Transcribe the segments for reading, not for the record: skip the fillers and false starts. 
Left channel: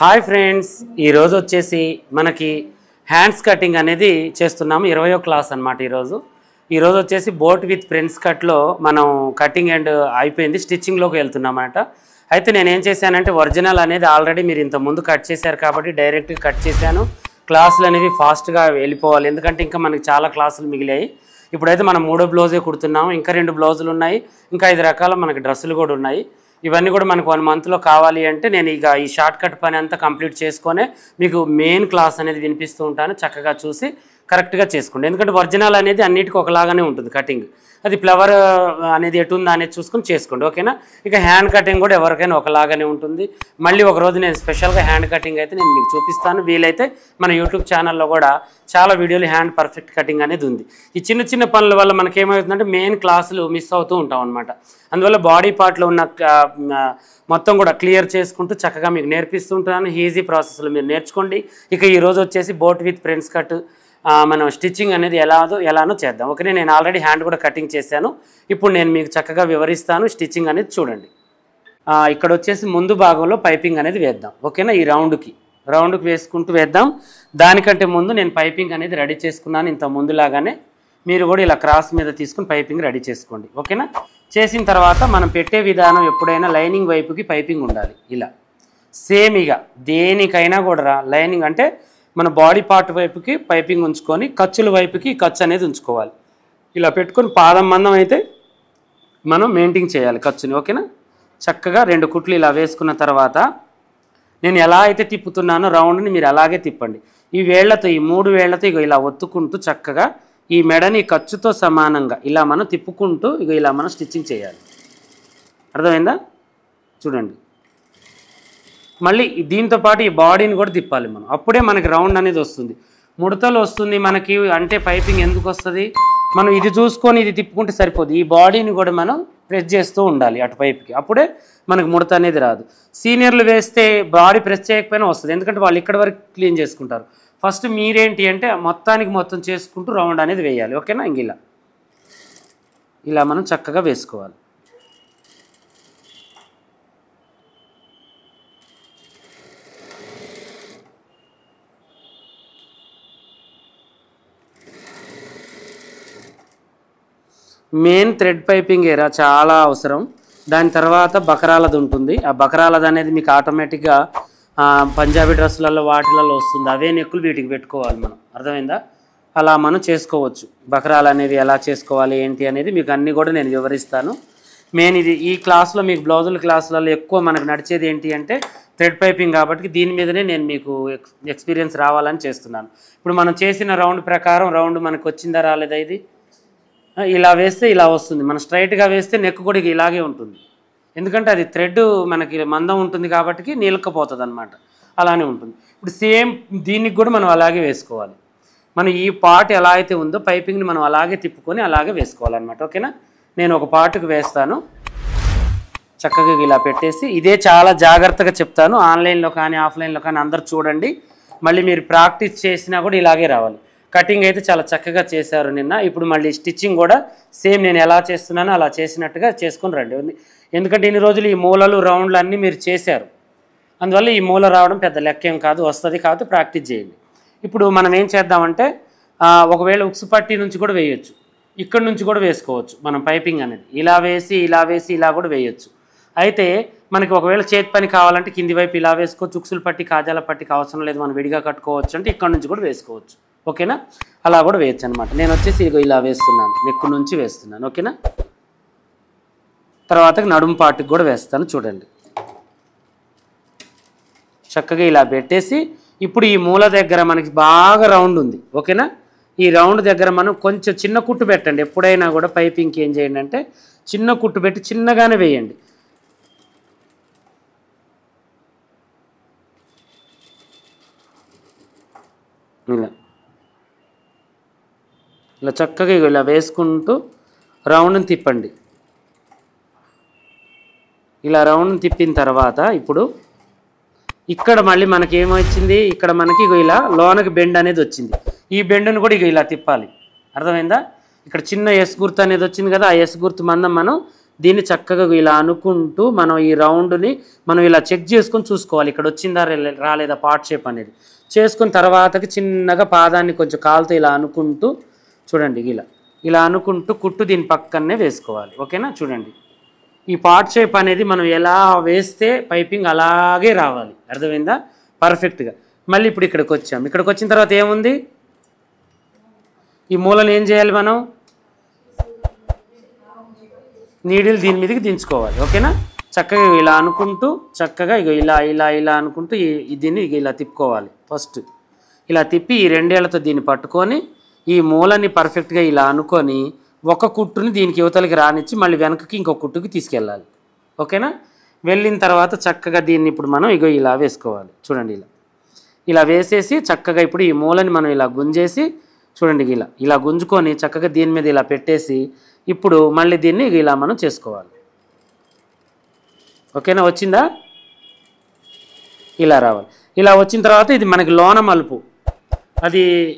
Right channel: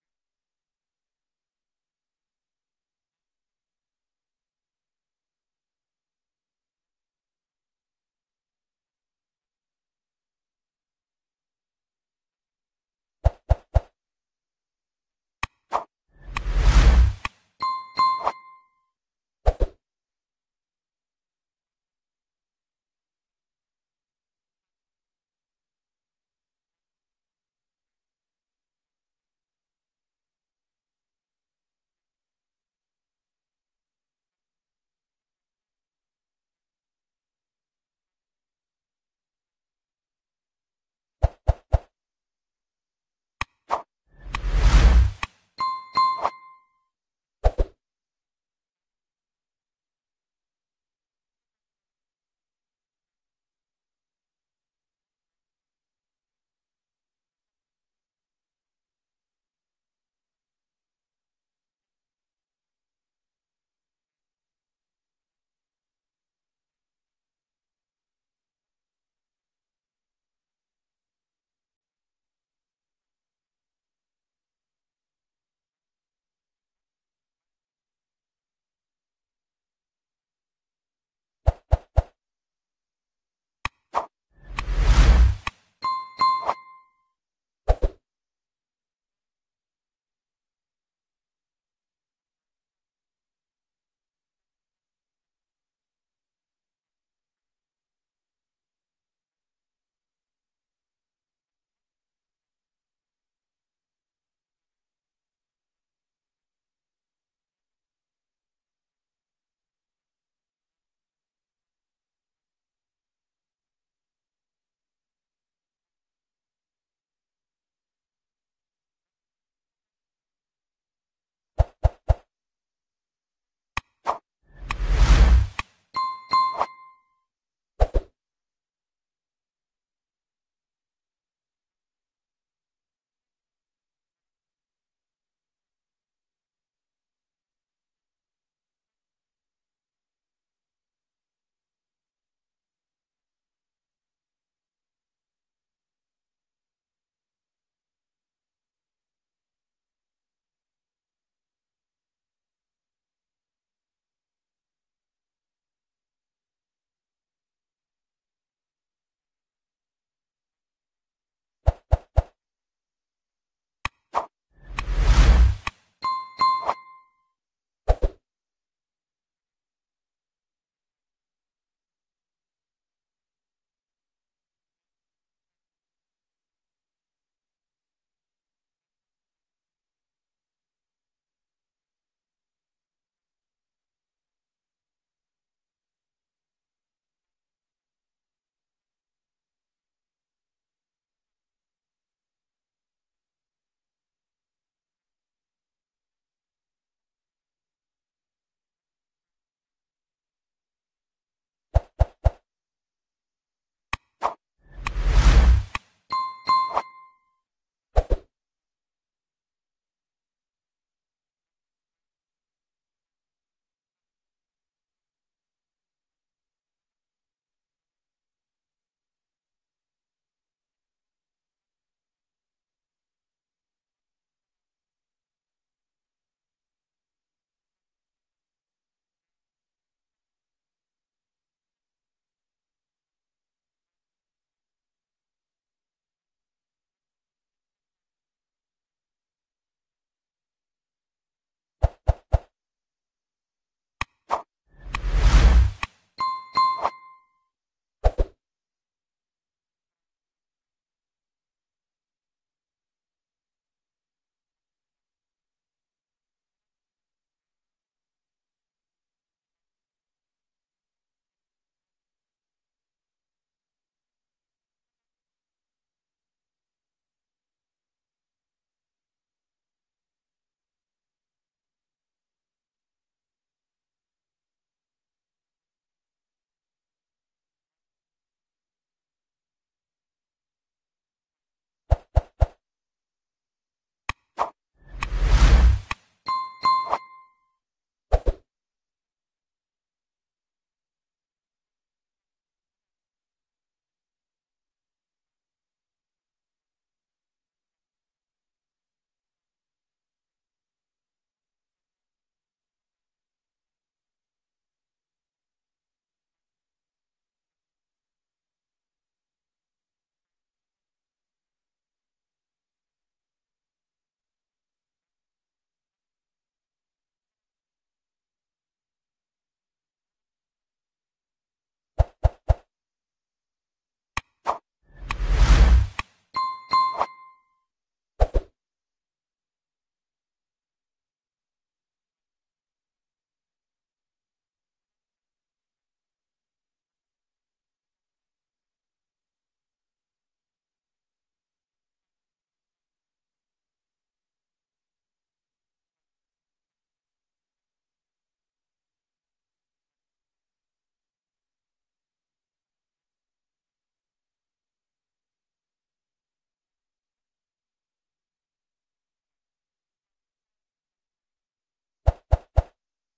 Hi friends, ఈరోజు వచ్చేసి మనకి హ్యాండ్స్ కటింగ్ అనేది చేస్తున్నాము. 20వ క్లాస్ అనమాట. ఈరోజు వచ్చేసి బోట్ విత్ ఫ్రెండ్స్ కట్లో మనం కటింగ్ అండ్ అయిపోయింది, స్టిచ్చింగ్లోకి వెళ్తున్నామన్నమాట. అయితే నేనేం చేశానంటే ఒరిజినల్ అనేది ఆల్రెడీ మీరు ఇంత ముందు కట్ చేశారు కాబట్టి డైరెక్ట్గా కట్ చేశాను. క్లాసులు అనేవి ఫాస్ట్గా వెళ్ళిపోవాలి, ఎందుకంటే ఇంకా మనకి చాలా క్లాసులు మిగిలాయి. ఇప్పుడైతే మనం 3వ బ్లౌజే కుడుతున్నాము, ఇంకా 2 బ్లౌజులు ఉన్నాయి, ఇంకా 5 రకాల మనకి డ్రెస్సులు కూడా ఉన్నాయి. ఇవన్నీ కూడా మనకు 1 మంత్లో కావాలి అంటే నేను ఇక ఈ షార్ట్ కట్ పని అంతా కంప్లీట్ చేసుకొని మీకు మెయిన్ క్లాస్ అనేది వినిపిస్తూ ఉంటాను. చక్కగా చూసి కరెక్ట్గా చేసుకోండి, ఎందుకంటే ఒరిజినల్ అనేది అన్నిటికీ ఒకలాగానే ఉంటుంది కటింగ్. అది ఫ్లవర్ అనేది ఎటు ఉందా అనేది చూసుకొని చేసుకోండి, ఓకేనా. ఇక హ్యాండ్ కటింగ్ కూడా ఎవరికైనా ఒకలాగానే ఉంటుంది. మళ్ళీ ఒకరోజు నేను స్పెషల్గా హ్యాండ్ కటింగ్ అయితే నేను మీకు చూపిస్తాను. వీలైతే మన యూట్యూబ్ ఛానల్లో కూడా చాలా వీడియోలు హ్యాండ్ పర్ఫెక్ట్ కటింగ్ అనేది ఉంది. ఈ చిన్న చిన్న పనుల వల్ల మనకి ఏమవుతుందంటే మెయిన్ క్లాసులు మిస్ అవుతూ ఉంటాం అనమాట. అందువల్ల బాడీ పార్ట్లో ఉన్న మొత్తం కూడా క్లియర్ చేసుకుంటూ చక్కగా మీకు నేర్పిస్తుంటాను. ఈజీ ప్రాసెస్లో మీరు నేర్చుకోండి. ఇక ఈరోజు వచ్చేసి బోట్ విత్ ఫ్రెండ్స్ కట్ మనం స్టిచ్చింగ్ అనేది ఎలానో చేద్దాం, ఓకే. నేను ఆల్రెడీ హ్యాండ్ కూడా కటింగ్ చేశాను. ఇప్పుడు నేను మీకు చక్కగా వివరిస్తాను. స్టిచ్చింగ్ అనేది చూడండి. ఇక్కడ వచ్చేసి ముందు భాగంలో పైపింగ్ అనేది వేద్దాం, ఓకేనా. ఈ రౌండ్కి వేసుకుంటూ వేద్దాం. దానికంటే ముందు నేను పైపింగ్ అనేది రెడీ చేసుకున్నాను. ఇంత ముందులాగానే మీరు కూడా ఇలా క్రాస్ మీద తీసుకుని పైపింగ్ రెడీ చేసుకోండి, ఓకేనా. చేసిన తర్వాత మనం పెట్టే విధానం ఎప్పుడైనా లైనింగ్ వైపుకి పైపింగ్ ఉండాలి. ఇలా సేమ్ ఇక దేనికైనా కూడా లైనింగ్ అంటే మన బాడీ పార్ట్ వైపుకి పైపింగ్ ఉంచుకొని ఖర్చుల వైపుకి ఖర్చు అనేది ఉంచుకోవాలి. ఇలా పెట్టుకొని పాదం మందం అయితే మనం మెయింటైన్ చేయాలి ఖర్చుని, ఓకేనా. చక్కగా 2 కుట్లు ఇలా వేసుకున్న తర్వాత నేను ఎలా అయితే తిప్పుతున్నానో రౌండ్ని మీరు అలాగే తిప్పండి. ఈ 3 వేళ్లతో ఇక ఇలా ఒత్తుకుంటూ చక్కగా ఈ మెడని ఖర్చుతో సమానంగా ఇలా మనం తిప్పుకుంటూ ఇక ఇలా మనం స్టిచ్చింగ్ చేయాలి. అర్థమైందా? చూడండి. మళ్ళీ దీంతో పాటు ఈ బాడీని కూడా తిప్పాలి మనం, అప్పుడే మనకి రౌండ్ అనేది వస్తుంది. ముడతలు వస్తుంది మనకి అంటే పైపింగ్ ఎందుకు వస్తుంది, మనం ఇది చూసుకొని ఇది తిప్పుకుంటే సరిపోదు. ఈ బాడీని కూడా మనం ప్రెస్ చేస్తూ ఉండాలి అటు పైపుకి, అప్పుడే మనకు ముడత అనేది రాదు. సీనియర్లు వేస్తే బాడీ ప్రెస్ చేయకపోయినా వస్తుంది, ఎందుకంటే వాళ్ళు ఇక్కడ వరకు క్లీన్ చేసుకుంటారు. ఫస్ట్ మీరేంటి అంటే మొత్తం చేసుకుంటూ రౌండ్ అనేది వేయాలి, ఓకేనా. ఇంక ఇలా మనం చక్కగా వేసుకోవాలి. మెయిన్ థ్రెడ్ పైపింగ్ ఏరా చాలా అవసరం. దాని తర్వాత బకరాలది ఉంటుంది. ఆ బకరాలది అనేది మీకు ఆటోమేటిక్గా పంజాబీ డ్రెస్సులలో వాటిలలో వస్తుంది. అవే నెక్కులు వీటికి పెట్టుకోవాలి మనం, అర్థమైందా. అలా మనం చేసుకోవచ్చు. బకరాలు అనేవి ఎలా చేసుకోవాలి ఏంటి అనేది మీకు అన్నీ కూడా నేను వివరిస్తాను. మెయిన్ ఇది ఈ క్లాస్లో మీకు బ్లౌజుల క్లాసులలో ఎక్కువ మనకు నడిచేది ఏంటి అంటే థ్రెడ్ పైపింగ్, కాబట్టి దీని మీదనే నేను మీకు ఎక్స్పీరియన్స్ రావాలని చేస్తున్నాను. ఇప్పుడు మనం చేసిన రౌండ్ ప్రకారం రౌండ్ మనకు వచ్చిందా రాలేదా, ఇది ఇలా వేస్తే ఇలా వస్తుంది. మనం స్ట్రైట్గా వేస్తే నెక్ కూడా ఇలాగే ఉంటుంది, ఎందుకంటే అది థ్రెడ్ మనకి మందం ఉంటుంది కాబట్టి నీలకపోతుంది అనమాట, అలానే ఉంటుంది. ఇప్పుడు సేమ్ దీనికి కూడా మనం అలాగే వేసుకోవాలి. మనం ఈ పార్ట్ ఎలా అయితే ఉందో పైపింగ్ని మనం అలాగే తిప్పుకొని అలాగే వేసుకోవాలన్నమాట, ఓకేనా. నేను ఒక పార్ట్కి వేస్తాను, చక్కగా ఇలా పెట్టేసి ఇదే చాలా జాగ్రత్తగా చెప్తాను. ఆన్లైన్లో కానీ ఆఫ్లైన్లో కానీ అందరు చూడండి. మళ్ళీ మీరు ప్రాక్టీస్ చేసినా కూడా ఇలాగే రావాలి. కటింగ్ అయితే చాలా చక్కగా చేశారు నిన్న. ఇప్పుడు మళ్ళీ స్టిచ్చింగ్ కూడా సేమ్ నేను ఎలా చేస్తున్నానో అలా చేసినట్టుగా చేసుకొని రండి, ఎందుకంటే ఇన్ని రోజులు ఈ మూలలు రౌండ్లు అన్నీ మీరు చేశారు. అందువల్ల ఈ మూల రావడం పెద్ద లెక్కేం కాదు, వస్తుంది కాబట్టి ప్రాక్టీస్ చేయండి. ఇప్పుడు మనం ఏం చేద్దామంటే ఒకవేళ ఉక్సు పట్టి నుంచి కూడా వేయొచ్చు, ఇక్కడ నుంచి కూడా వేసుకోవచ్చు మనం పైపింగ్ అనేది. ఇలా వేసి ఇలా కూడా వేయొచ్చు. అయితే మనకి ఒకవేళ చేతి పని కావాలంటే కింది వైపు ఇలా వేసుకోవచ్చు. ఉక్సులు పట్టి కాజాల పట్టికి అవసరం లేదు, మనం విడిగా కట్టుకోవచ్చు అంటే ఇక్కడ నుంచి కూడా వేసుకోవచ్చు, ఓకేనా. అలా కూడా వేయచ్చు అనమాట. నేను వచ్చేసి ఇలా వేస్తున్నాను, నెక్కు నుంచి వేస్తున్నాను, ఓకేనా. తర్వాత నడుము పాటుకి కూడా వేస్తాను, చూడండి. చక్కగా ఇలా పెట్టేసి ఇప్పుడు ఈ మూల దగ్గర మనకి బాగా రౌండ్ ఉంది, ఓకేనా. ఈ రౌండ్ దగ్గర మనం కొంచెం చిన్న కుట్టు పెట్టండి. ఎప్పుడైనా కూడా పైపింగ్కి ఏం చేయండి అంటే చిన్న కుట్టు పెట్టి చిన్నగానే వేయండి. ఇలా చక్కగా ఇలా వేసుకుంటూ రౌండ్ని తిప్పండి. ఇలా రౌండ్ తిప్పిన తర్వాత ఇప్పుడు ఇక్కడ మళ్ళీ మనకి ఏమొచ్చింది, ఇక్కడ మనకి ఇలా లోనకి బెండ్ అనేది వచ్చింది. ఈ బెండ్ను కూడా ఇలా తిప్పాలి, అర్థమైందా. ఇక్కడ చిన్న ఎస్ గుర్తు అనేది వచ్చింది కదా, ఆ ఎస్ గుర్తు మందం మనం దీన్ని చక్కగా ఇలా అనుకుంటూ మనం ఈ రౌండ్ని మనం ఇలా చెక్ చేసుకొని చూసుకోవాలి, ఇక్కడ వచ్చిందా రాలేదా పార్ట్ షేప్ అనేది చేసుకున్న తర్వాతకి చిన్నగా పాదాన్ని కొంచెం కాలుతో ఇలా అనుకుంటూ చూడండి, ఇలా అనుకుంటూ కుట్టు దీని పక్కనే వేసుకోవాలి. ఓకేనా? చూడండి, ఈ పార్ట్ షేప్ అనేది మనం ఎలా వేస్తే పైపింగ్ అలాగే రావాలి. అర్థమైందా? పర్ఫెక్ట్గా. మళ్ళీ ఇప్పుడు ఇక్కడికి వచ్చాం. ఇక్కడికి వచ్చిన తర్వాత ఏముంది, ఈ మూలను ఏం చేయాలి, మనం నీడిల్ దీని మీదకి దించుకోవాలి. ఓకేనా? చక్కగా ఇలా అనుకుంటూ చక్కగా ఇలా అనుకుంటూ దీన్ని ఇలా తిప్పుకోవాలి. ఫస్ట్ ఇలా తిప్పి ఈ రెండేళ్లతో దీన్ని పట్టుకొని ఈ మూలని పర్ఫెక్ట్గా ఇలా అనుకొని ఒక కుట్టుని దీనికి యువతలకి రానిచ్చి మళ్ళీ వెనకకి ఇంకొక కుట్టుకి తీసుకెళ్ళాలి. ఓకేనా? వెళ్ళిన తర్వాత చక్కగా దీన్ని ఇప్పుడు మనం ఇలా వేసుకోవాలి. చూడండి, ఇలా వేసేసి చక్కగా ఇప్పుడు ఈ మూలని మనం ఇలా గుంజేసి చూడండి, ఇలా గుంజుకొని చక్కగా దీని మీద ఇలా పెట్టేసి ఇప్పుడు మళ్ళీ దీన్ని ఇలా మనం చేసుకోవాలి. ఓకేనా? వచ్చిందా? ఇలా రావాలి. ఇలా వచ్చిన తర్వాత ఇది మనకి లోన మలుపు,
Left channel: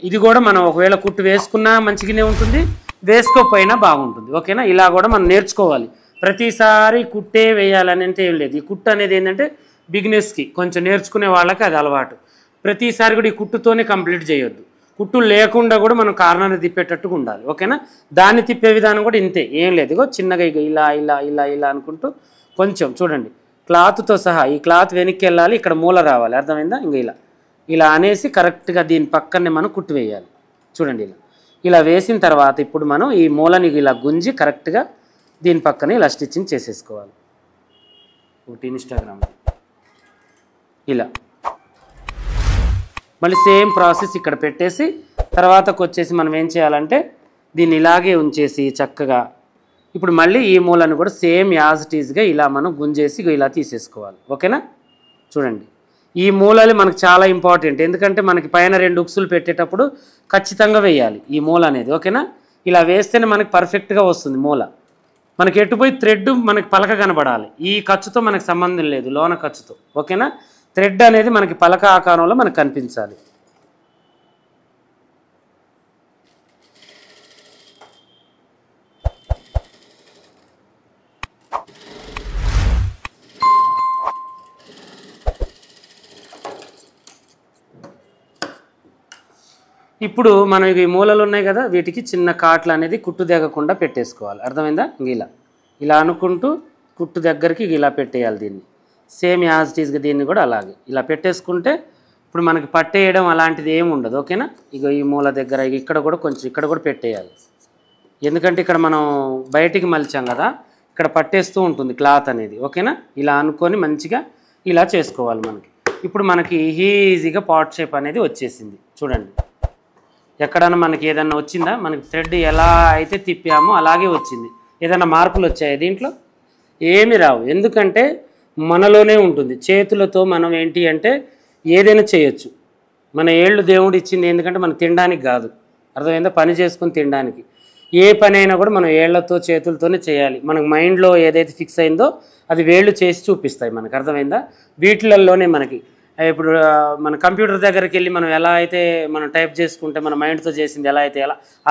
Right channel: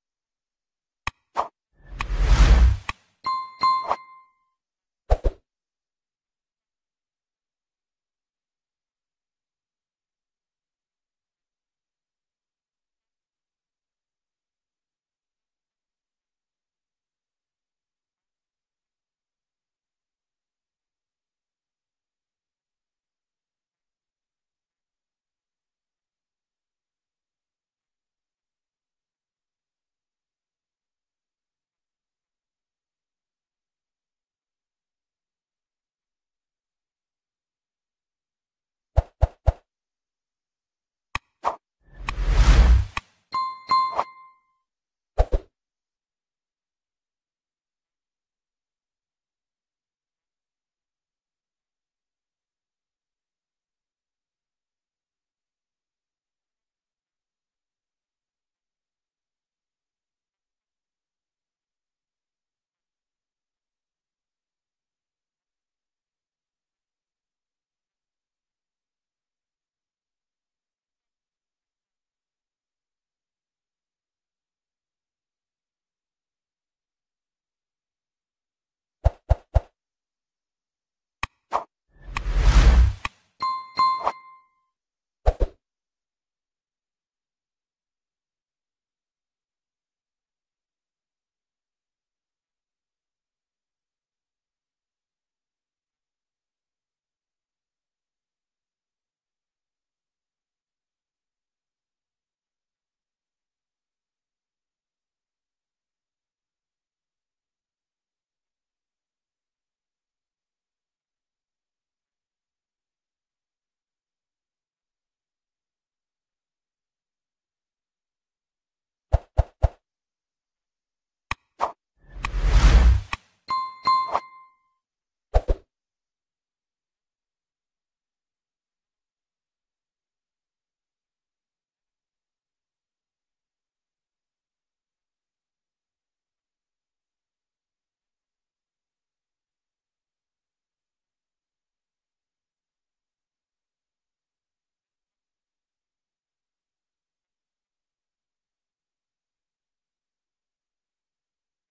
ఇది కూడా మనం ఒకవేళ కుట్టు వేసుకున్నా మంచిగానే ఉంటుంది, వేసుకోకపోయినా బాగుంటుంది. ఓకేనా? ఇలా కూడా మనం నేర్చుకోవాలి. ప్రతిసారి కుట్టే వేయాలని అంటే ఏం లేదు. ఈ కుట్టు అనేది ఏంటంటే బిగినర్స్కి కొంచెం నేర్చుకునే వాళ్ళకి అది అలవాటు. ప్రతిసారి కూడా ఈ కుట్టుతోనే కంప్లీట్ చేయొద్దు. కుట్టు లేకుండా కూడా మనం కార్నర్ని తిప్పేటట్టుగా ఉండాలి. ఓకేనా? దాన్ని తిప్పే విధానం కూడా ఇంతే, ఏం లేదు. చిన్నగా ఇలా అనుకుంటూ కొంచెం చూడండి, క్లాత్తో సహా ఈ క్లాత్ వెనక్కి వెళ్ళాలి, ఇక్కడ మూల రావాలి. అర్థమైందా? ఇలా అనేసి కరెక్ట్గా దీని పక్కనే మనం కుట్టు వేయాలి. చూడండి, ఇలా వేసిన తర్వాత ఇప్పుడు మనం ఈ మూలని ఇలా గుంజి కరెక్ట్గా దీని పక్కనే ఇలా స్టిచ్చింగ్ చేసేసుకోవాలి. ఒకటి ఇన్స్టాగ్రామ్ ఇలా మళ్ళీ సేమ్ ప్రాసెస్ ఇక్కడ పెట్టేసి తర్వాతకు వచ్చేసి మనం ఏం చేయాలంటే దీన్ని ఇలాగే ఉంచేసి చక్కగా ఇప్పుడు మళ్ళీ ఈ మూలను కూడా సేమ్ యాజ్ ఇట్ ఈజ్గా ఇలా మనం గుంజేసి ఇలా తీసేసుకోవాలి. ఓకేనా? చూడండి, ఈ మూలలు మనకు చాలా ఇంపార్టెంట్, ఎందుకంటే మనకి పైన 2 ఉక్సులు పెట్టేటప్పుడు ఖచ్చితంగా వేయాలి ఈ మూల అనేది. ఓకేనా? ఇలా వేస్తేనే మనకి పర్ఫెక్ట్గా వస్తుంది మూల. మనకి ఎటుపోయి థ్రెడ్ మనకి పలక కనబడాలి, ఈ ఖర్చుతో మనకు సంబంధం లేదు, లోన ఖర్చుతో. ఓకేనా? థ్రెడ్ అనేది మనకి పలక ఆకారంలో మనకు కనిపించాలి. ఇప్పుడు మనం ఈ మూలలు ఉన్నాయి కదా, వీటికి చిన్న కాట్లు అనేది కుట్టు దిగకుండా పెట్టేసుకోవాలి. అర్థమైందా? ఇలా అనుకుంటూ కుట్టు దగ్గరికి ఇలా పెట్టేయాలి దీన్ని. సేమ్ యాజ్ ఇట్ ఈస్గా దీన్ని కూడా అలాగే ఇలా పెట్టేసుకుంటే ఇప్పుడు మనకి పట్టేయడం అలాంటిది ఏమి ఉండదు. ఓకేనా? ఈ మూల దగ్గర ఇక్కడ కూడా కొంచెం ఇక్కడ కూడా పెట్టేయాలి, ఎందుకంటే ఇక్కడ మనం బయటికి మలిచాం కదా, ఇక్కడ పట్టేస్తూ ఉంటుంది క్లాత్ అనేది. ఓకేనా? ఇలా అనుకొని మంచిగా ఇలా చేసుకోవాలి. ఇప్పుడు మనకి ఈజీగా పార్ట్ షేప్ అనేది వచ్చేసింది. చూడండి, ఎక్కడన్నా మనకి ఏదన్నా వచ్చిందా, మనకి థ్రెడ్ ఎలా అయితే తిప్పామో అలాగే వచ్చింది. ఏదైనా మార్పులు వచ్చాయి దీంట్లో? ఏమి రావు, ఎందుకంటే మనలోనే ఉంటుంది. చేతులతో మనం ఏంటి అంటే ఏదైనా చేయొచ్చు. మన ఏళ్ళు దేవుడు ఇచ్చింది ఎందుకంటే మనకు తినడానికి కాదు. అర్థమైందా? పని చేసుకుని తినడానికి. ఏ పని అయినా కూడా మనం ఏళ్లతో చేతులతోనే చేయాలి. మనకు మైండ్లో ఏదైతే ఫిక్స్ అయిందో అది వేళ్ళు చేసి చూపిస్తాయి మనకు. అర్థమైందా? వీటిలలోనే మనకి ఇప్పుడు మన కంప్యూటర్ దగ్గరికి వెళ్ళి మనం ఎలా అయితే మనం టైప్ చేసుకుంటే మన మైండ్తో చేసింది ఎలా అయితే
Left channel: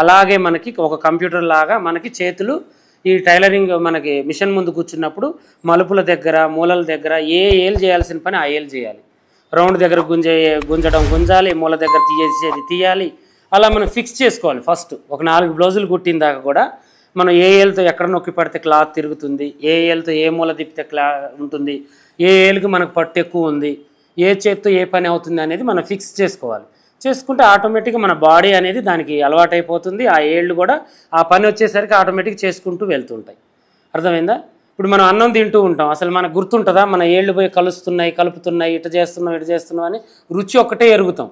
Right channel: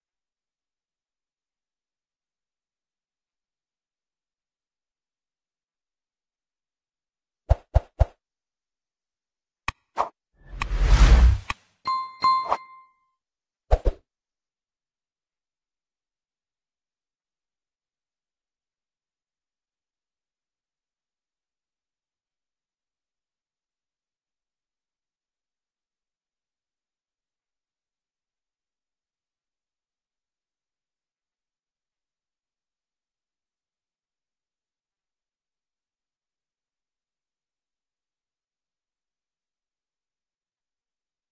అలాగే మనకి ఒక కంప్యూటర్ లాగా మనకి చేతులు ఈ టైలరింగ్ మనకి మిషన్ ముందు కూర్చున్నప్పుడు మలుపుల దగ్గర మూలల దగ్గర ఏ ఏలు చేయాల్సిన పని ఆ ఏలు చేయాలి. రౌండ్ దగ్గర గుంజడం గుంజాలి, మూల దగ్గర తీసేది తీయాలి. అలా మనం ఫిక్స్ చేసుకోవాలి. ఫస్ట్ ఒక 4 బ్లౌజులు కుట్టిన దాకా కూడా మనం ఏ ఏలుతో ఎక్కడ నొక్కి పడితే క్లాత్ తిరుగుతుంది, ఏ ఏలుతో ఏ మూల తిప్పితే ఉంటుంది, ఏ ఏలుకి మనకు పట్టు ఎక్కువ ఉంది, ఏ చేత్తో ఏ పని అవుతుంది అనేది మనం ఫిక్స్ చేసుకోవాలి. చేసుకుంటే ఆటోమేటిక్గా మన బాడీ అనేది దానికి అలవాటైపోతుంది. ఆ ఏళ్ళు కూడా ఆ పని వచ్చేసరికి ఆటోమేటిక్గా చేసుకుంటూ వెళ్తుంటాయి. అర్థమైందా? ఇప్పుడు మనం అన్నం తింటూ ఉంటాం, అసలు మనకు గుర్తుంటుందా మన ఏళ్ళు పోయి కలుపుతున్నాయి ఇటు చేస్తున్నాం అని రుచి ఒక్కటే ఎరుగుతాం.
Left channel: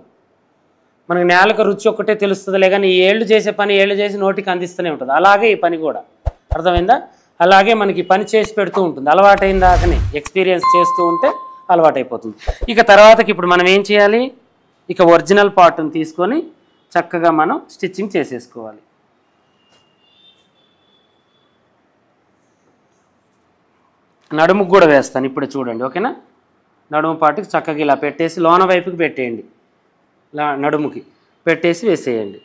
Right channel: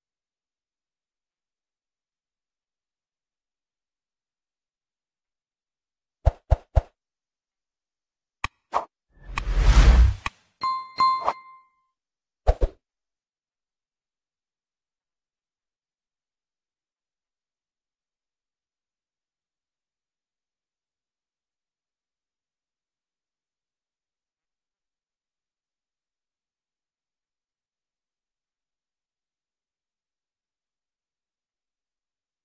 మనకి నేలకు రుచి ఒక్కటే తెలుస్తుందిలే, కానీ ఈ ఏళ్ళు చేసే పని ఏళ్ళు చేసి నోటికి అందిస్తూనే ఉంటుంది. అలాగే ఈ పని కూడా. అర్థమైందా? అలాగే మనకి పని చేసి పెడుతూ ఉంటుంది. అలవాటైన దాకనే ఎక్స్పీరియన్స్ చేస్తూ ఉంటే అలవాటైపోతుంది. ఇక తర్వాతకి ఇప్పుడు మనం ఏం చేయాలి, ఇక ఒరిజినల్ పార్ట్ని తీసుకొని చక్కగా మనం స్టిచ్చింగ్ చేసేసుకోవాలి. నడుముకు కూడా వేస్తాను ఇప్పుడు చూడండి. ఓకేనా? నడుము పార్ట్కి చక్కగా ఇలా పెట్టేసి లోన వైపుకి పెట్టేయండి, నడుముకి పెట్టేసి వేసేయండి.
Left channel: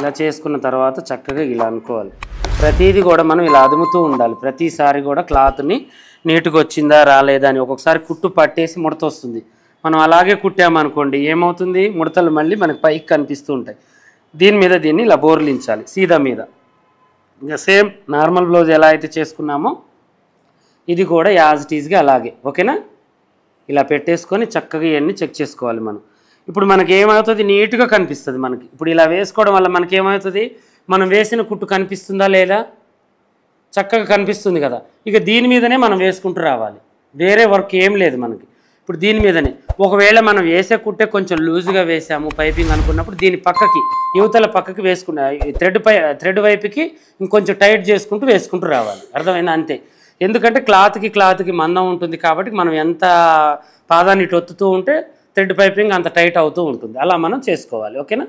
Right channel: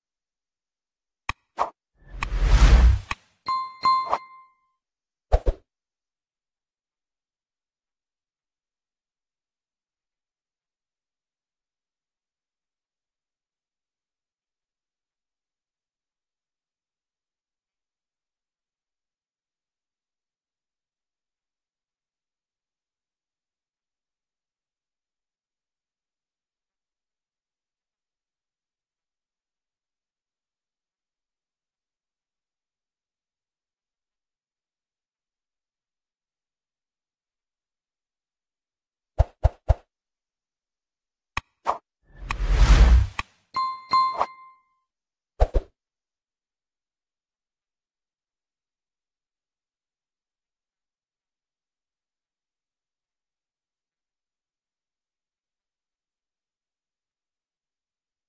ఇలా చేసుకున్న తర్వాత చక్కగా ఇలా అనుకోవాలి. ప్రతిదీ కూడా మనం ఇలా అదుముతూ ఉండాలి. ప్రతిసారి కూడా క్లాత్ని నీట్గా వచ్చిందా రాలేదా అని. ఒక్కొక్కసారి కుట్టు పట్టేసి ముడత వస్తుంది. మనం అలాగే కుట్టామనుకోండి ఏమవుతుంది, ముడతలు మళ్ళీ మనకి పైకి కనిపిస్తూ ఉంటాయి. దీని మీద దీన్ని ఇలా బోర్లించాలి సీదా మీద. ఇంకా సేమ్ నార్మల్ బ్లౌజ్ ఎలా అయితే చేసుకున్నామో ఇది కూడా యాజ్ ఇట్ ఈజ్గా అలాగే. ఓకేనా? ఇలా పెట్టేసుకొని చక్కగా ఇవన్నీ చెక్ చేసుకోవాలి మనం. ఇప్పుడు మనకి ఏమవుతుంది, నీట్గా కనిపిస్తుంది మనకి. ఇప్పుడు ఇలా వేసుకోవడం వల్ల మనకి ఏమవుతుంది, మనం వేసిన కుట్టు కనిపిస్తుందా లేదా, చక్కగా కనిపిస్తుంది కదా. ఇక దీని మీదనే మనం వేసుకుంటూ రావాలి, వేరే వర్క్ ఏం లేదు మనకి. ఇప్పుడు దీని మీదనే ఒకవేళ మనం వేసే కుట్టే కొంచెం లూజ్గా వేసాము పైపింగ్ అనుకున్నప్పుడు దీని పక్కకి యువతల పక్కకి వేసుకున్న థ్రెడ్ వైపుకి ఇంకొంచెం టైట్ చేసుకుంటూ వేసుకుంటూ రావాలి. అర్థమైందా? అంతే. ఎందుకంటే క్లాత్కి మందం ఉంటుంది కాబట్టి మనం ఎంత పాదాన్ని ఒత్తుతూ ఉంటే థ్రెడ్ పైపింగ్ అంత టైట్ అవుతూ ఉంటుంది. అలా మనం చేసుకోవాలి. ఓకేనా?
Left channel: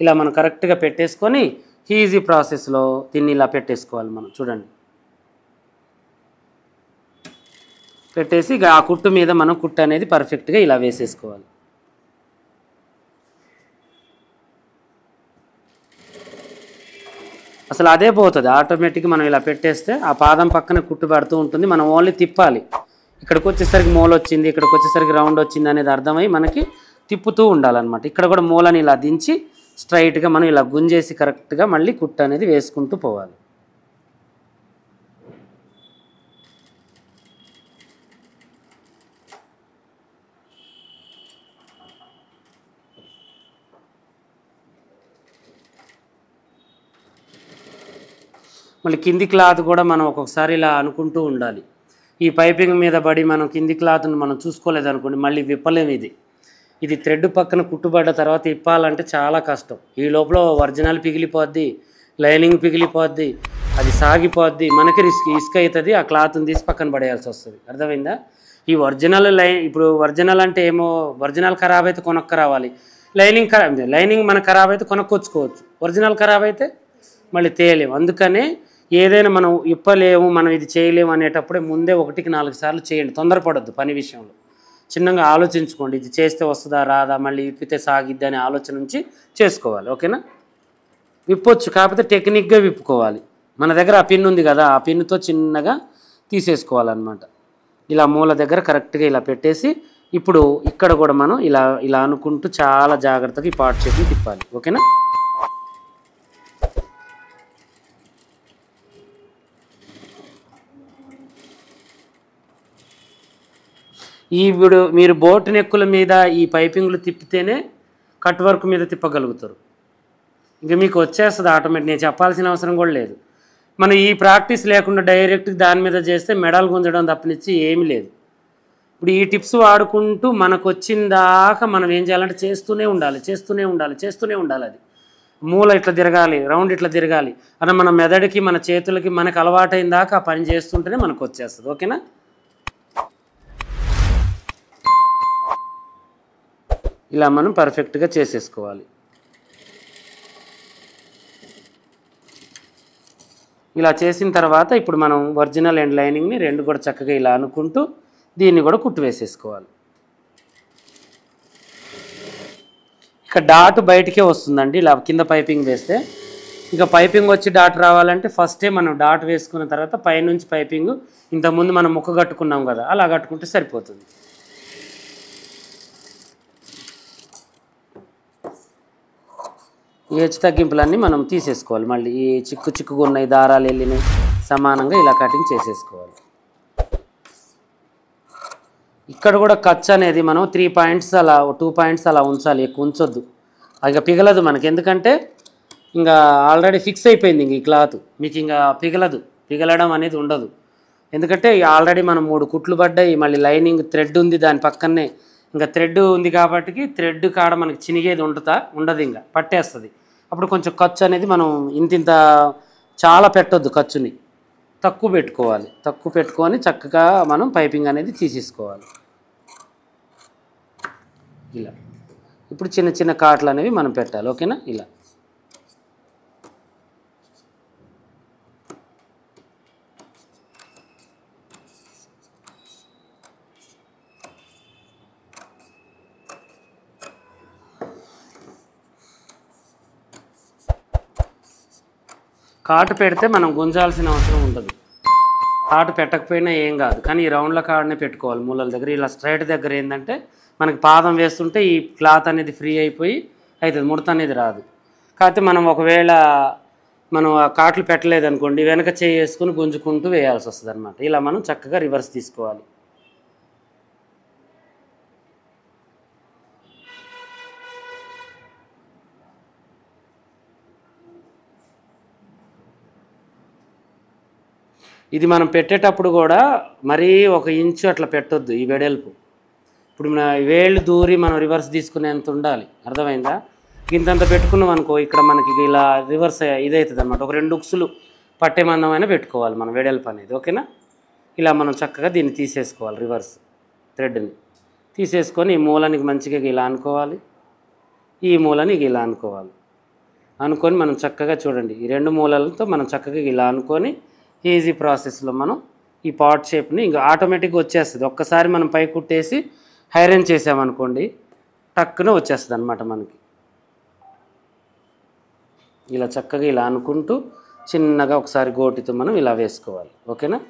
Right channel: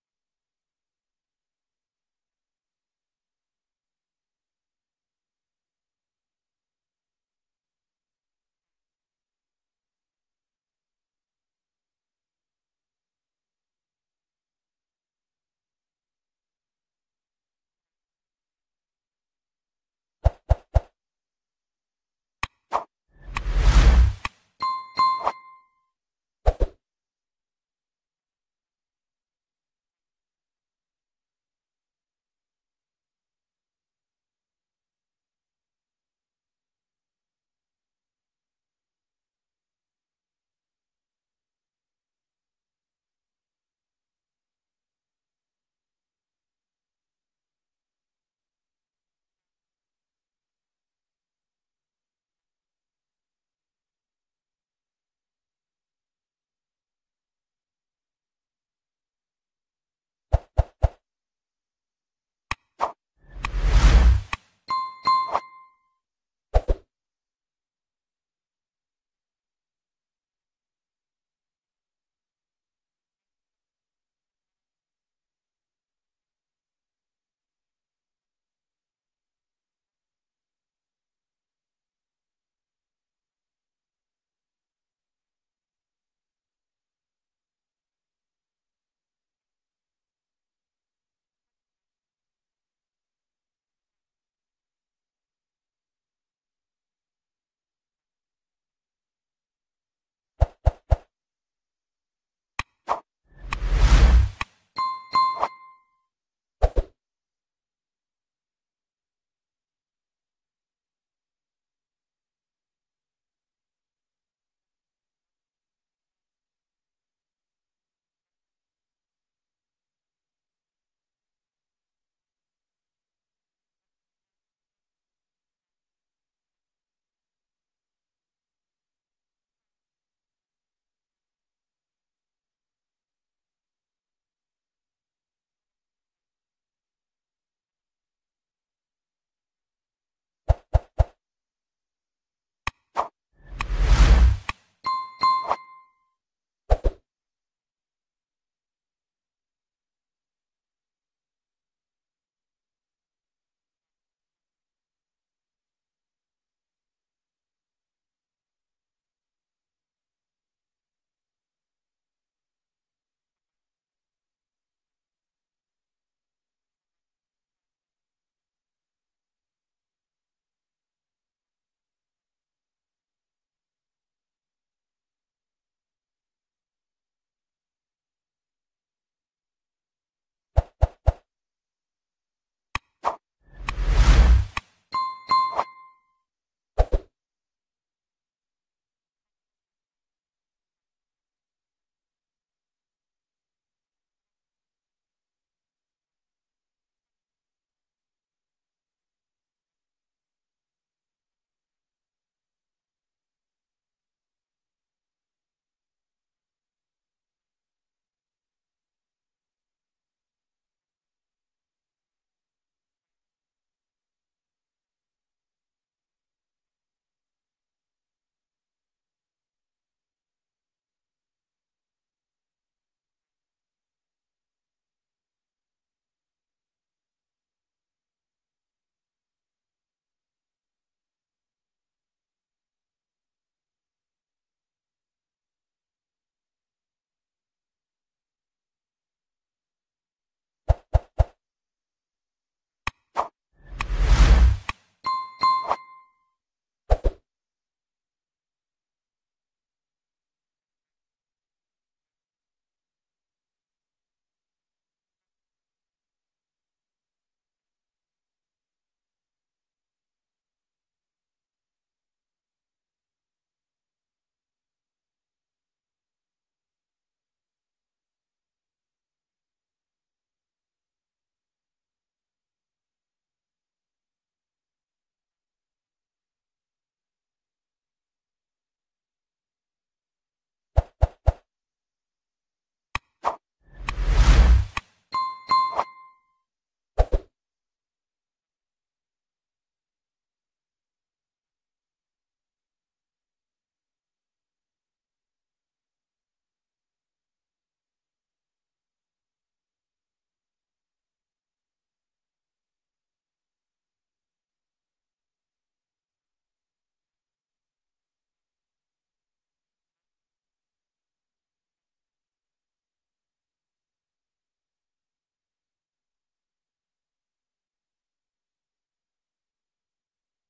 ఇలా మనం కరెక్ట్గా పెట్టేసుకొని ఈజీ ప్రాసెస్లో దీన్ని ఇలా పెట్టేసుకోవాలి మనం. చూడండి, పెట్టేసి ఆ కుట్టు మీద మనం కుట్టు అనేది పర్ఫెక్ట్గా ఇలా వేసేసుకోవాలి. అసలు అదే పోతుంది ఆటోమేటిక్గా. మనం ఇలా పెట్టేస్తే ఆ పాదం పక్కన కుట్టు పడుతూ ఉంటుంది. మనం ఓన్లీ తిప్పాలి. ఇక్కడికి వచ్చేసరికి మూల వచ్చింది, ఇక్కడికి వచ్చేసరికి రౌండ్ వచ్చింది అనేది అర్థమై మనకి తిప్పుతూ ఉండాలన్నమాట. ఇక్కడ కూడా మూలని ఇలా దించి స్ట్రైట్గా మనం ఇలా గుంజేసి కరెక్ట్గా మళ్ళీ కుట్టు అనేది వేసుకుంటూ పోవాలి. మళ్ళీ కింది క్లాత్ కూడా మనం ఒక్కొక్కసారి ఇలా అనుకుంటూ ఉండాలి. ఈ పైపింగ్ మీద పడి మనం కింది క్లాత్ను మనం చూసుకోలేదనుకోండి మళ్ళీ విప్పలేము. ఇది థ్రెడ్ పక్కన కుట్టుబడ్డ తర్వాత ఇప్పాలంటే చాలా కష్టం. ఈ లోపల ఒరిజినల్ పిగిలిపోద్ది, లైనింగ్ పిగిలిపోద్ది, అది సాగిపోద్ది, మనకి ఇసుక అవుతుంది. ఆ క్లాత్ని తీసి పక్కన పడేయాల్సి వస్తుంది. అర్థమైందా? ఈ ఒరిజినల్ ఇప్పుడు ఒరిజినల్ అంటే ఏమో, ఒరిజినల్ ఖరాబ్ అయితే కొనక్క రావాలి, లైనింగ్ మనకు ఖరాబ్ అయితే కొనుక్కొచ్చుకోవచ్చు, ఒరిజినల్ ఖరాబ్ అయితే మళ్ళీ తేయలేము. అందుకనే ఏదైనా మనం ఇప్పలేము, మనం ఇది చేయలేము అనేటప్పుడే ముందే 1కి 4 సార్లు చేయండి. తొందరపడద్దు పని విషయంలో. చిన్నగా ఆలోచించుకోండి, ఇది చేస్తే వస్తుందా రాదా, మళ్ళీ విప్పితే సాగిద్ది అనే ఆలోచన నుంచి చేసుకోవాలి. ఓకేనా? విప్పొచ్చు, కాకపోతే టెక్నిక్గా విప్పుకోవాలి. మన దగ్గర ఆ పిన్ ఉంది కదా, ఆ పిన్నుతో చిన్నగా తీసేసుకోవాలన్నమాట. ఇలా మూల దగ్గర కరెక్ట్గా ఇలా పెట్టేసి ఇప్పుడు ఇక్కడ కూడా మనం ఇలా ఇలా అనుకుంటూ చాలా జాగ్రత్తగా ఈ పార్ట్ చేసి తిప్పాలి. ఓకేనా? ఇప్పుడు మీరు బోట్ నెక్కుల మీద ఈ పైపింగ్లు తిప్పితేనే కట్ వర్క్ మీద తిప్పగలుగుతారు. ఇంకా మీకు వచ్చేస్తుంది ఆటోమేటిక్. నేను చెప్పాల్సిన అవసరం కూడా లేదు. మనం ఈ ప్రాక్టీస్ లేకుండా డైరెక్ట్ దాని మీద చేస్తే మెడల్ గుంజడం తప్పనిచ్చి ఏమీ లేదు. ఇప్పుడు ఈ టిప్స్ వాడుకుంటూ మనకు వచ్చిన దాకా మనం ఏం చేయాలంటే చేస్తూనే ఉండాలి. అది మూల ఇట్లా తిరగాలి, రౌండ్ ఇట్లా తిరగాలి అని మన మెదడుకి మన చేతులకి మనకు అలవాటైన దాకా ఆ పని చేస్తుంటేనే మనకు వచ్చేస్తుంది. ఓకేనా? ఇలా మనం పర్ఫెక్ట్గా చేసేసుకోవాలి. ఇలా చేసిన తర్వాత ఇప్పుడు మనం ఒరిజినల్ అండ్ లైనింగ్ని రెండు కూడా చక్కగా ఇలా అనుకుంటూ దీన్ని కూడా కుట్టు వేసేసుకోవాలి. ఇక డాట్ బయటికే వస్తుందండి ఇలా కింద పైపింగ్ వేస్తే. ఇక పైపింగ్ వచ్చి డాట్ రావాలంటే ఫస్టే మనం డాట్ వేసుకున్న తర్వాత పైనుంచి పైపింగ్ ఇంతకుముందు మనం ముక్క కట్టుకున్నాం కదా, అలా కట్టుకుంటే సరిపోతుంది. ఈ హెచ్చు తగ్గింపులన్నీ మనం తీసేసుకోవాలి. మళ్ళీ ఈ చిక్కుగా ఉన్నాయి దారాలు వెళ్ళినాయి సమానంగా ఇలా కటింగ్ చేసేసుకోవాలి. ఇక్కడ కూడా ఖర్చు అనేది మనం 3 పాయింట్స్ అలా 2 పాయింట్స్ అలా ఉంచాలి, ఎక్కువ ఉంచొద్దు. ఇక పిగలదు మనకి, ఎందుకంటే ఇంకా ఆల్రెడీ ఫిక్స్ అయిపోయింది. ఇంక ఈ క్లాత్ మీకు ఇంకా పిగలడం అనేది ఉండదు. ఎందుకంటే ఆల్రెడీ మనం 3 కుట్లు పడ్డాయి, మళ్ళీ లైనింగ్ థ్రెడ్ ఉంది దాని పక్కనే. ఇంకా థ్రెడ్ ఉంది కాబట్టి థ్రెడ్ కాడ మనకి చినిగేది ఉండదు, ఇంకా పట్టేస్తుంది. అప్పుడు కొంచెం ఖర్చు అనేది మనం ఇంత చాలా పెట్టొద్దు, ఖర్చుని తక్కువ పెట్టుకొని చక్కగా మనం పైపింగ్ అనేది తీసేసుకోవాలి. ఇలా ఇప్పుడు చిన్న చిన్న కాట్లు అనేవి మనం పెట్టాలి. ఓకేనా? ఇలా కాటు పెడితే మనం గుంజాల్సిన అవసరం ఉండదు. కాటు పెట్టకపోయినా ఏం కాదు, కానీ ఈ రౌండ్ల కాడనే పెట్టుకోవాలి మూలల దగ్గర. ఇలా స్ట్రైట్ దగ్గర ఏంటంటే మనకి పాదం వేస్తుంటే ఈ క్లాత్ అనేది ఫ్రీ అయిపోయి అవుతుంది, ముడత అనేది రాదు. కాకపోతే మనం ఒకవేళ మనం ఆ కాట్లు పెట్టలేదనుకోండి, వెనక చేసుకుని గుంజుకుంటూ వేయాల్సి వస్తుంది అనమాట. ఇలా మనం చక్కగా రివర్స్ తీసుకోవాలి. ఇది మనం పెట్టేటప్పుడు కూడా మరీ 1 ఇంచు అట్లా పెట్టొద్దు ఈ వెడల్పు. ఇప్పుడు మన వేళ్ళు దూరి మనం రివర్స్ తీసుకునేంత ఉండాలి, అర్థమైందా? ఇంతంత పెట్టుకున్నాం అనుకో, ఇక్కడ మనకి ఇలా రివర్స్ ఇదవుతుంది అనమాట. ఒక 2 ఉక్సులు పట్టే మందమైనా పెట్టుకోవాలి మనం వెడల్పు అనేది, ఓకేనా? ఇలా మనం చక్కగా దీన్ని తీసేసుకోవాలి, రివర్స్ థ్రెడ్ని తీసేసుకొని ఈ మూలానికి మంచిగా ఇలా అనుకోవాలి, ఈ మూలానికి ఇలా అనుకోవాలి. అనుకొని మనం చక్కగా చూడండి, ఈ 2 మూలలతో మనం చక్కగా ఇలా అనుకొని ఈజీ ప్రాసెస్లో మనం ఈ పాట్ షేప్ని ఇంకా ఆటోమేటిక్గా వచ్చేస్తుంది. ఒక్కసారి మనం పై కుట్టేసి ఐరన్ చేసామనుకోండి, టక్కున వచ్చేస్తుంది అనమాట మనకి. ఇలా చక్కగా ఇలా అనుకుంటూ చిన్నగా ఒకసారి గోటితో మనం ఇలా వేసుకోవాలి, ఓకేనా?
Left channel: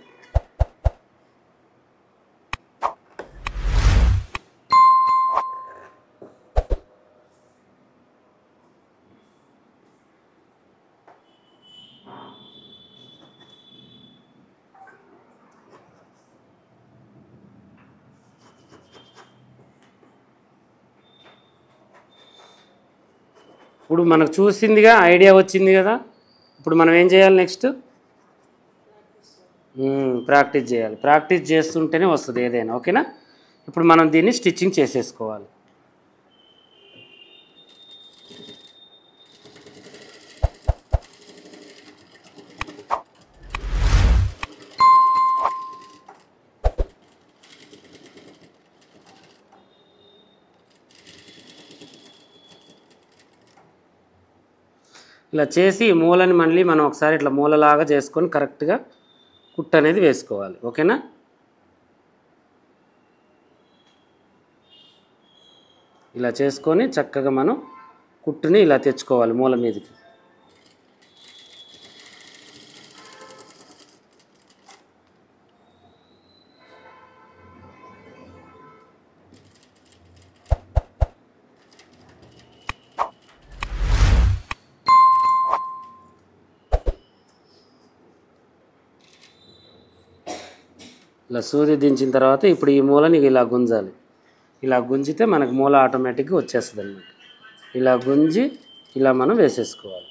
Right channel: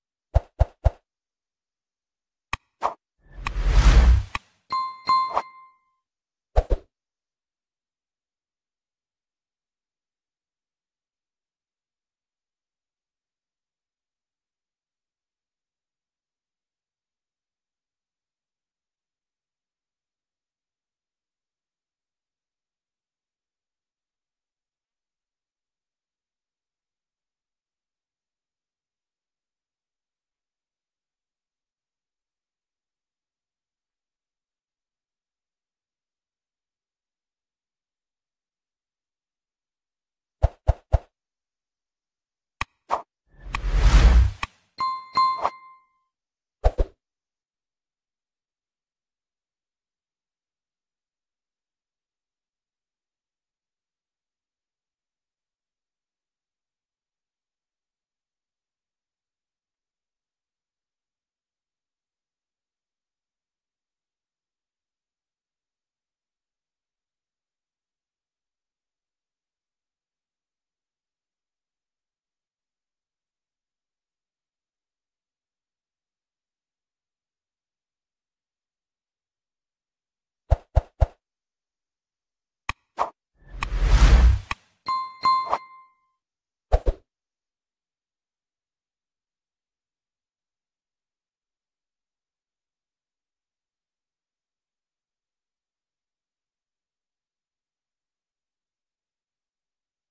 ఇప్పుడు మనకు చూసిందిగా ఐడియా వచ్చింది కదా. ఇప్పుడు మనం ఏం చేయాలి నెక్స్ట్? ప్రాక్టీస్ చేయాలి. ప్రాక్టీస్ చేస్తుంటేనే వస్తుంది ఏదైనా, ఓకేనా? ఇప్పుడు మనం దీన్ని స్టిచ్చింగ్ చేసేసుకోవాలి. ఇలా చేసి ఈ మూలని మళ్ళీ మనం ఒకసారి ఇట్లా మూలలాగా చేసుకొని కరెక్ట్గా కుట్టు అనేది వేసుకోవాలి, ఓకేనా? ఇలా చేసుకొని చక్కగా మనం కుట్టుని ఇలా తెచ్చుకోవాలి మూల మీదకి. ఇలా సూది దించిన తర్వాత ఇప్పుడు ఈ మూలని ఇలా గుంజాలి. ఇలా గుంజితే మనకు మూల ఆటోమేటిక్గా వచ్చేస్తుంది అన్నమాట. ఇలా గుంజి ఇలా మనం వేసేసుకోవాలి.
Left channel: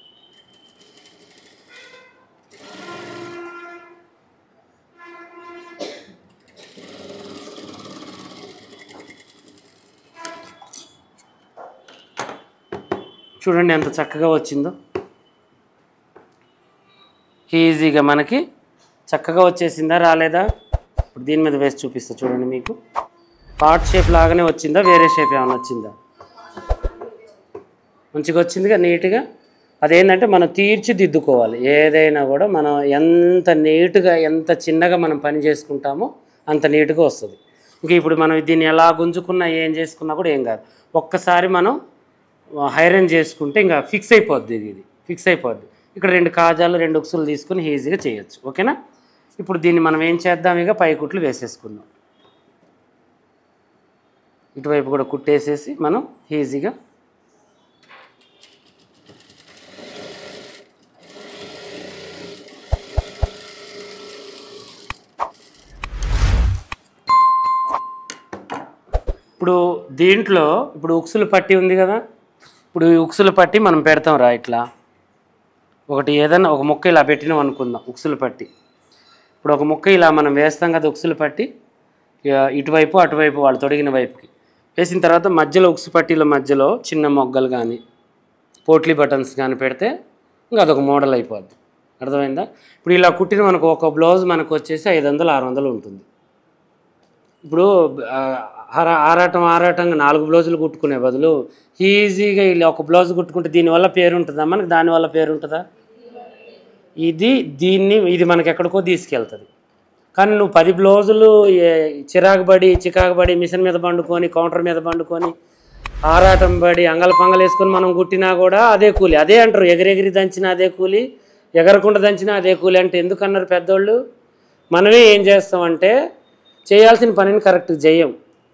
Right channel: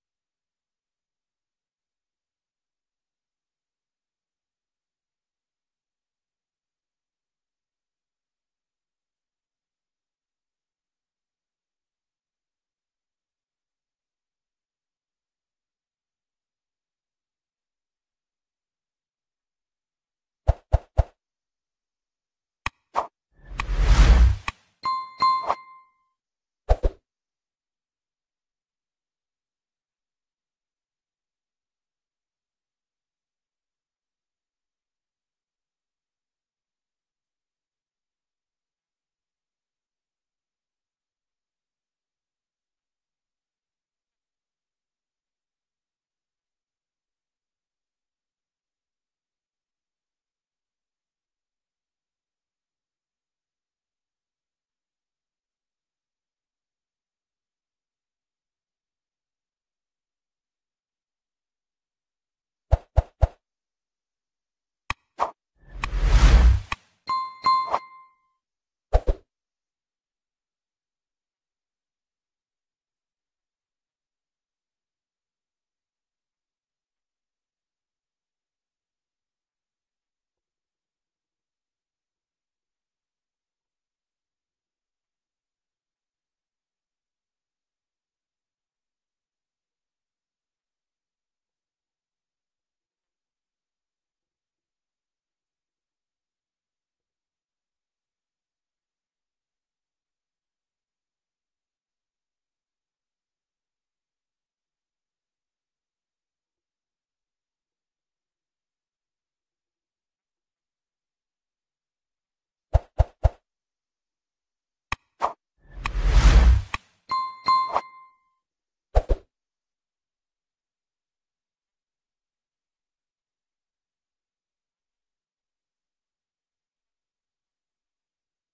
చూడండి ఎంత చక్కగా వచ్చిందో, ఈజీగా మనకి చక్కగా వచ్చేసిందా రాలేదా? ఇప్పుడు దీని మీద వేసి చూపిస్తా చూడండి. మీకు పార్ట్ షేప్ లాగానే వచ్చిందా, వేరే షేప్ ఏమైనా వచ్చిందా? మంచిగా వచ్చిందిగా, నీట్గా. అదేంటంటే మనం తీర్చిదిద్దుకోవాలి. ఏదైనా కూడా మనం ఎంత నీట్గా ఎంత చిన్నగా మనం పని చేసుకుంటామో అంత నీట్గా వస్తుంది. ఇంక ఇప్పుడు మనం దీన్ని ఎలా గుంజుకున్నా ఏం చేసుకున్నా కూడా ఏం కాదు. ఒక్కసారి మనం ఐరన్ చేసుకుంటే ఇంకా ఫిక్స్ అయిపోద్ది, ఇది ఫిక్స్ అయిపోద్ది. ఇక్కడ 2 కాజాలు 2 ఉక్సులు తీసుకుని ఈజీగా చేయొచ్చు, ఓకేనా? ఇప్పుడు దీన్ని మనం ఏం చేద్దాం, ఇక పై కుట్లు వేసేసుకుందాం. ఇటువైపు కూడా కుట్టేసేసి మనం ఈజీగా ఇప్పుడు దీంట్లో ఇప్పుడు ఉక్సులు పట్టి ఉంది కదా. ఇప్పుడు ఈ ఉక్సులు పట్టి మనం పెడతాం రా, ఇట్లా ఒకటి ఏదైనా ఒక ముక్క ఇలా పెట్టినాం అనుకుందాం, ఉక్సులు పట్టి. ఇప్పుడు ఒక ముక్క ఇలా మనం వేస్తాం కదా ఉక్సులు పట్టి, ఇటువైపు అటువైపు వాళ్ళు తొడిగిన వైపుకి వేసిన తర్వాత మధ్యలో ఉక్సు పట్టీల మధ్యలో చిన్న మొగ్గలు కానీ పోట్లీ బటన్స్ కానీ పెడితే ఇంకా అదొక మోడల్ అయిపోద్ది, అర్థమైందా? ఇప్పుడు ఇలా కుట్టిన మనకు ఒక బ్లౌజ్ మనకు వచ్చేసి 500-600 ఉంటుంది. ఇప్పుడు ఆరాటంగా 4 బ్లౌజులు కుట్టుకునే బదులు ఈజీగా ఇలా ఒక బ్లౌజ్ కుట్టుకుంటే దీనివల్ల పేరు ఉంటుందా మనకి? దానివల్ల పేరు ఉంటుందా? ఇది మనకి ఎక్కడికో తీసుకెళ్తుంది. కానీ నువ్వు 10 బ్లౌజులు చికాకుబడి మిషన్ మీద పండుకొని కౌంటర్ మీద పండుకొని ఆరాటం పడి అంగల పంగలు వేసుకొని మనం కుట్టినా కూడా అదే కూలి. అదే అంటారు, ఎగిరెగిరి దంచిన అదే కూలి, ఎగరకుండా దంచినా అదే కూలి అంటే ఎందుకన్నారు పెద్దోళ్ళు? మనమే ఏం చేస్తామంటే చేయాల్సిన పనిని కరెక్ట్గా చేయం.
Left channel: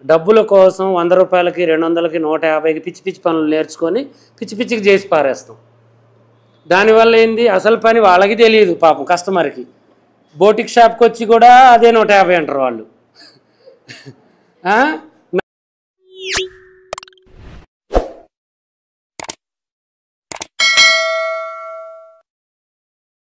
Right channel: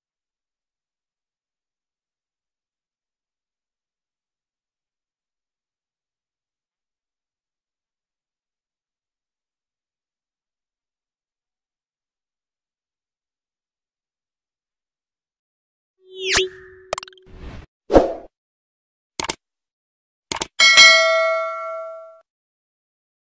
డబ్బుల కోసం 100 రూపాయలకి, 200కి, 150కి పిచ్చి పిచ్చి పనులు నేర్చుకొని పిచ్చి పిచ్చికి చేసి పారేస్తాం. దానివల్ల ఏంది, అసలు పని వాళ్ళకి తెలియదు పాపం కస్టమర్కి. బోటిక్ షాప్కి వచ్చి కూడా అదే 150 అంటారు వాళ్ళు.